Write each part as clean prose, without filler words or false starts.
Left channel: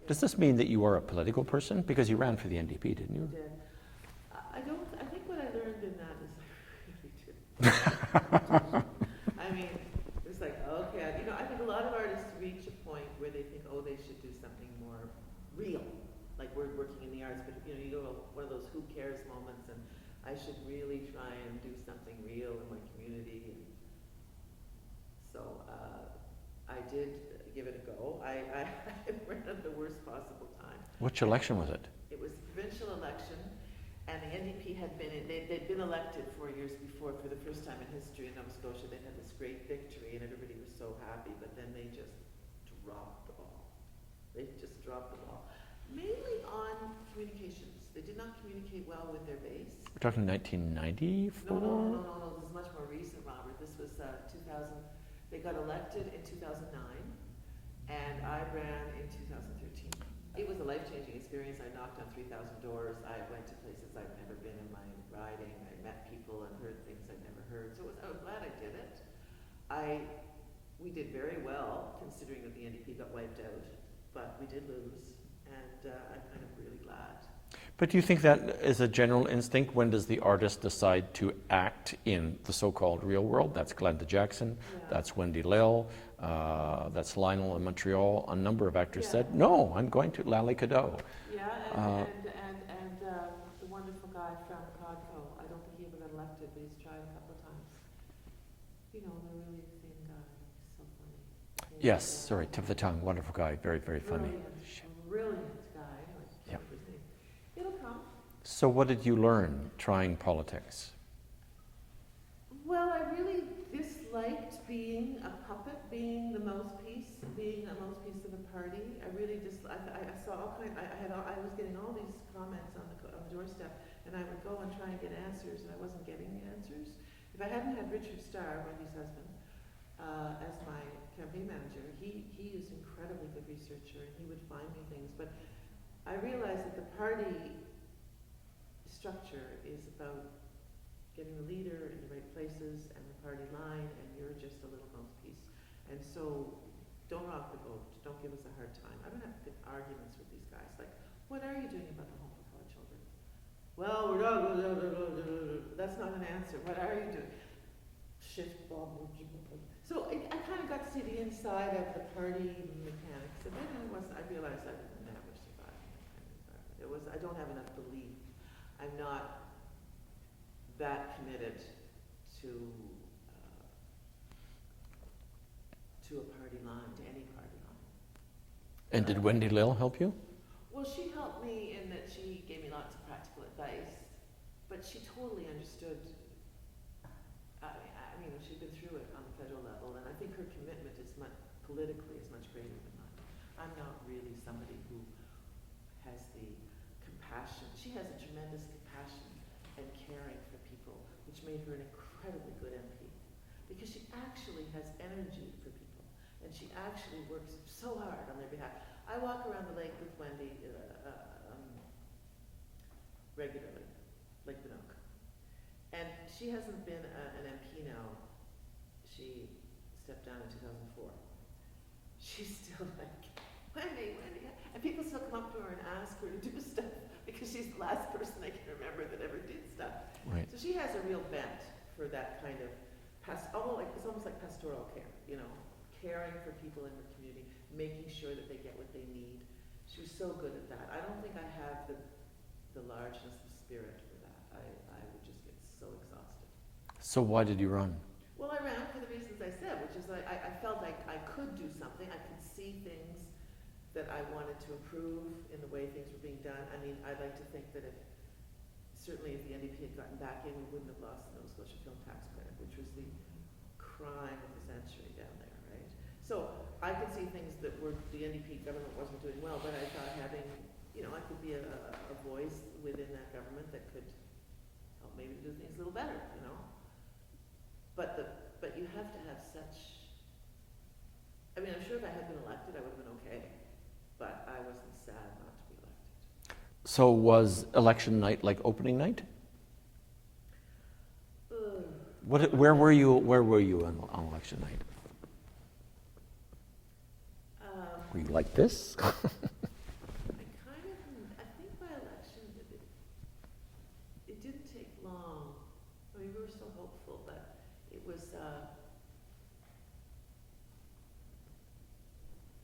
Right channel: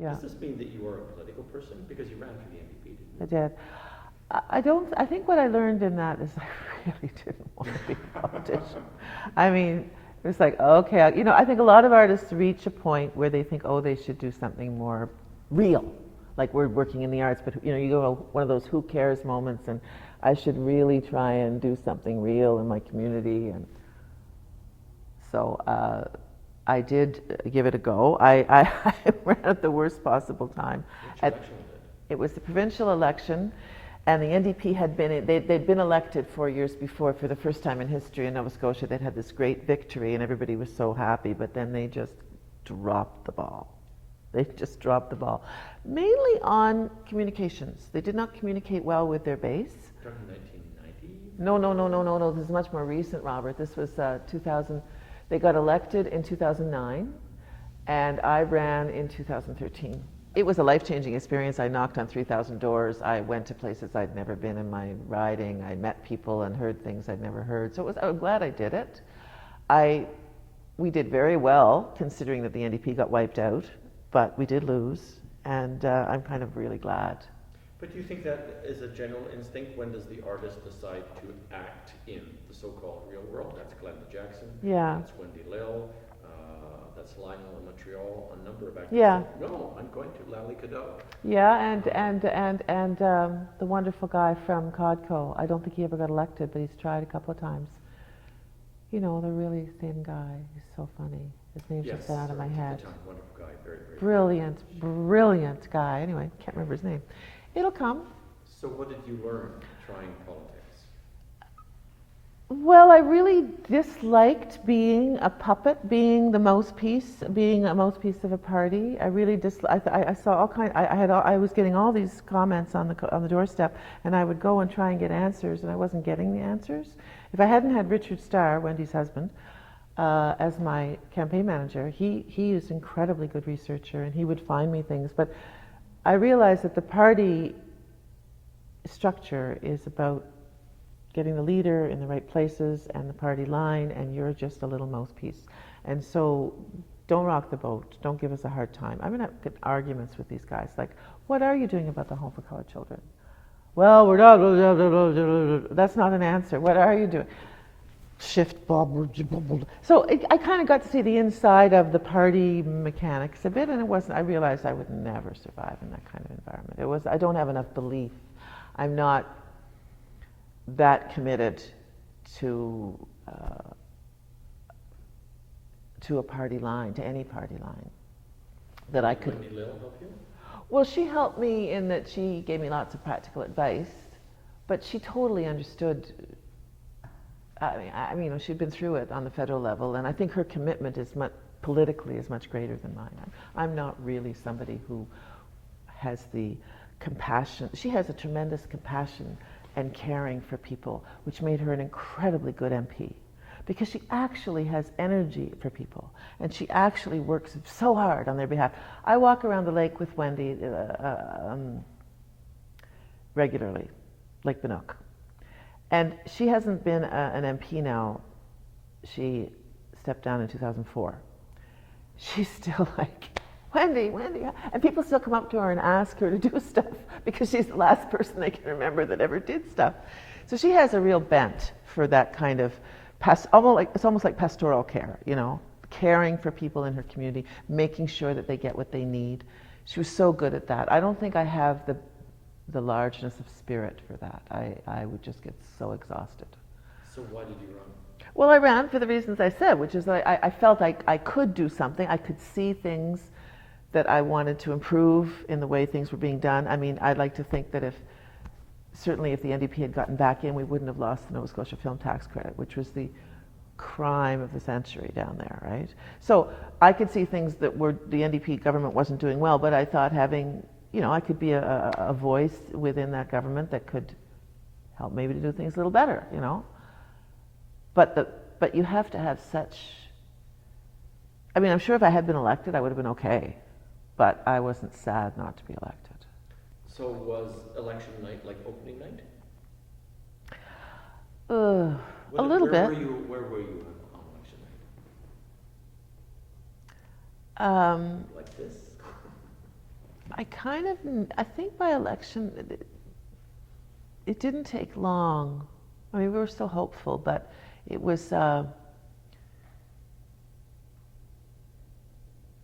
Yeah. Does this mean that you are a political person? Because you ran for the NDP, didn't you? I did. I think what I learned in that is I really didn't want to be a politician. I mean, it was like, okay, I think a lot of artists reach a point where they think, oh, they should do something more real. Like we're working in the arts, but you go one of those who cares moments, and I should really try and do something real in my community. And so I did give it a go. I ran at the worst possible time. Which election was it? It was the provincial election, and the NDP had been, they'd been elected 4 years before for the first time in history in Nova Scotia. They'd had this great victory, and everybody was so happy, but then they just dropped the ball. They just dropped the ball. Mainly on communications. They did not communicate well with their base. We're talking 1990? No. This is much more recent, Robert. This was 2000. They got elected in 2009, and I ran in 2013. It was a life-changing experience. I knocked on 3,000 doors. I went to places I'd never been in my riding. I met people and heard things I'd never heard. So I'm glad I did it. We did very well, considering that the NDP got wiped out, but we did lose, and I'm kind of really glad. But do you think that is a general instinct? When does the artist decide to act in the so-called real world? That's Glenda Jackson, Yeah. That's Wendy Lill, that's Lionel in Montreal. A number of actors Yeah. said, no, I'm going to Lally Cadeau. Yeah, and the wonderful guy from Codco. I don't think he ever got elected, but he's tried a couple of times. The really thin guy. He's so funny. His name's Yes, just out of sorry, my tip of the head. tongue, wonderful guy, very, very Brilliant, funny. brilliant guy. Anyway, can't remember his name. It'll come. So what did you learn trying politics? Well, I really disliked being a puppet, being the mouthpiece, being a mouthpiece of a party. I really I saw all kind. I was getting all these comments on the doorstep, and I would go and try and get answers, and I wasn't getting the answers. If I hadn't had Richard Starr, Wendy's husband, as my campaign manager, he is an incredibly good researcher, and he would find me things. But I realized that the party structure is about getting the leader in the right places and the party line, and you're just a little mouthpiece. And so don't rock the boat. Don't give us a hard time. I'm going to get arguments with these guys, like, what are you doing about the Home for Colored Children? Well, we're not, that's not an answer. What are you doing? Shift, bob. So I kind of got to see the inside of the party mechanics a bit, and I realized I would never survive in that kind of environment. I don't have enough belief. I'm not that committed to a party line, to any party line. And did Wendy Lill help you? Well, she helped me in that she gave me lots of practical advice, but she totally understood. I mean, she'd been through it on the federal level, and I think her commitment politically is much greater than mine. I'm not really somebody who has the compassion. She has a tremendous compassion and caring for people, which made her an incredibly good MP, because she actually has energy for people, and she actually works so hard on their behalf. I walk around the lake with Wendy regularly, Lake Vingoe. And she hasn't been an MP now. She stepped down in 2004. She's still like, Wendy, and people still come up to her and ask her to do stuff because she's the last person they can remember that ever did stuff. Right. So she has a real bent for that kind of, it's almost like pastoral care, caring for people in her community, making sure that they get what they need. She was so good at that. I don't think I have the largeness of spirit for that. I would just get so exhausted. So why did you run? Well, I ran for the reasons I said, which is I felt I could do something. I could see things that I wanted to improve in the way things were being done. I mean, I'd like to think that certainly if the NDP had gotten back in, we wouldn't have lost the Nova Scotia Film Tax Credit, which was the crime of the century down there, right? So I could see things that the NDP government wasn't doing well, but I thought having, I could be a voice within that government that could help maybe to do things a little better, But you have to have such, I'm sure if I had been elected, I would have been okay, but I wasn't sad not to be elected. So was election night like opening night? Where were you on election night? Were you like this? kind of, I think by election, it didn't take long. I mean, we were still hopeful, but it was,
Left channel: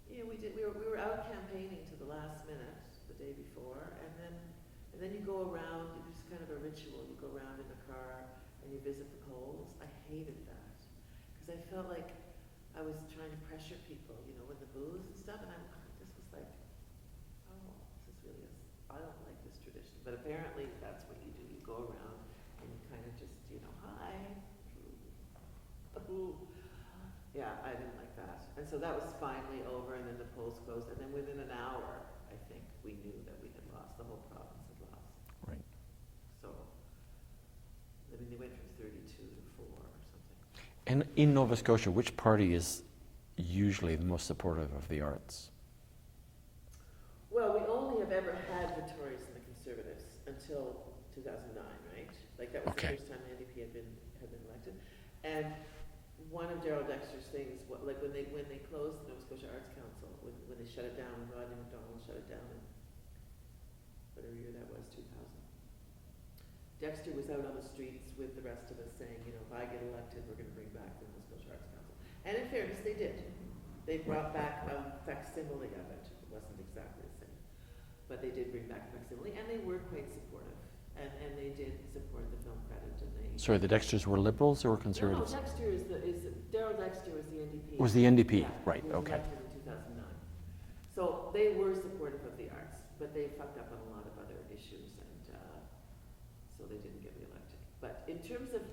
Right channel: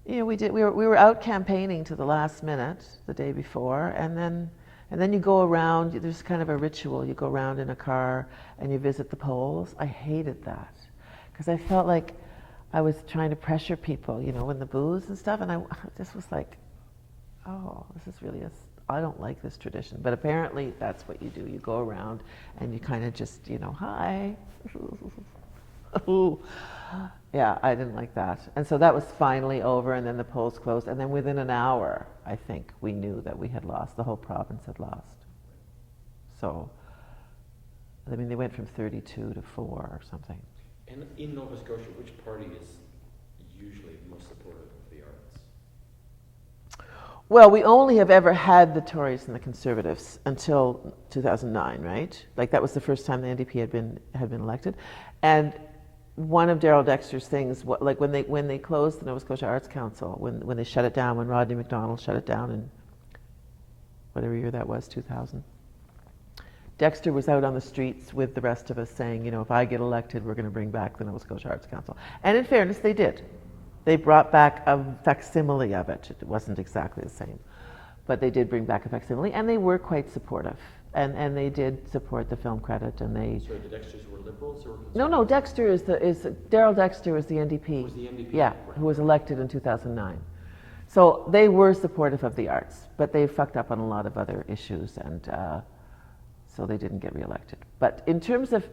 you know, we were out campaigning to the last minute the day before, and then you go around. There's kind of a ritual. You go around in a car and you visit the polls. I hated that because I felt like I was trying to pressure people, you know, in the booths and stuff, and I just was like, oh, this is really I don't like this tradition. But apparently that's what you do. You go around and you kind of just, you know, hi. Ooh. Yeah, I didn't like that. And so that was finally over, and then the polls closed, and then within an hour, I think, we knew that we had lost. The whole province had lost. Right. So, I mean, they went from 32 to 4 or something. And in Nova Scotia, which party is usually the most supportive of the arts? Well, we only have ever had the Tories and the Conservatives until 2009, right? Like that was the first time the NDP had been elected, and one of Darrell Dexter's things, like when they closed the Nova Scotia Arts Council, when they shut it down, when Rodney MacDonald shut it down in whatever year that was, 2000. Dexter was out on the streets with the rest of us saying, you know, if I get elected, we're going to bring back the Nova Scotia Arts Council. And in fairness, they did. They brought back a facsimile of it. It wasn't exactly the same, but they did bring back a facsimile, and they were quite supportive. And they did support the film credit, and they. Sorry, the Dexters were Liberals or Conservatives? No, Dexter is Darrell Dexter was the NDP. Was the NDP? Yeah, right, who was elected in 2009. So they were supportive of the arts, but they fucked up on a lot of other issues, and so they didn't get reelected. But in terms of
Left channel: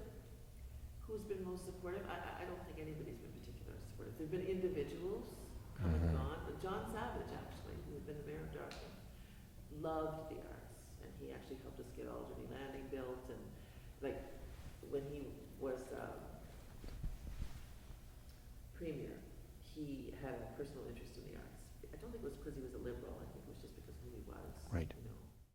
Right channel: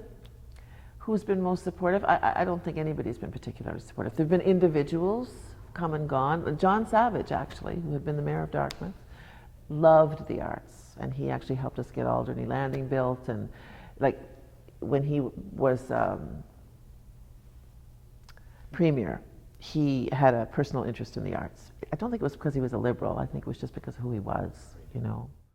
who's been most supportive, I don't think anybody's been particularly supportive. There have been individuals come and gone. John Savage, actually, who had been the mayor of Dartmouth, loved the arts. And he actually helped us get Alderney Landing built, and like when he was premier, he had a personal interest in the arts. I don't think it was because he was a liberal. I think it was just because of who he was, right. you know.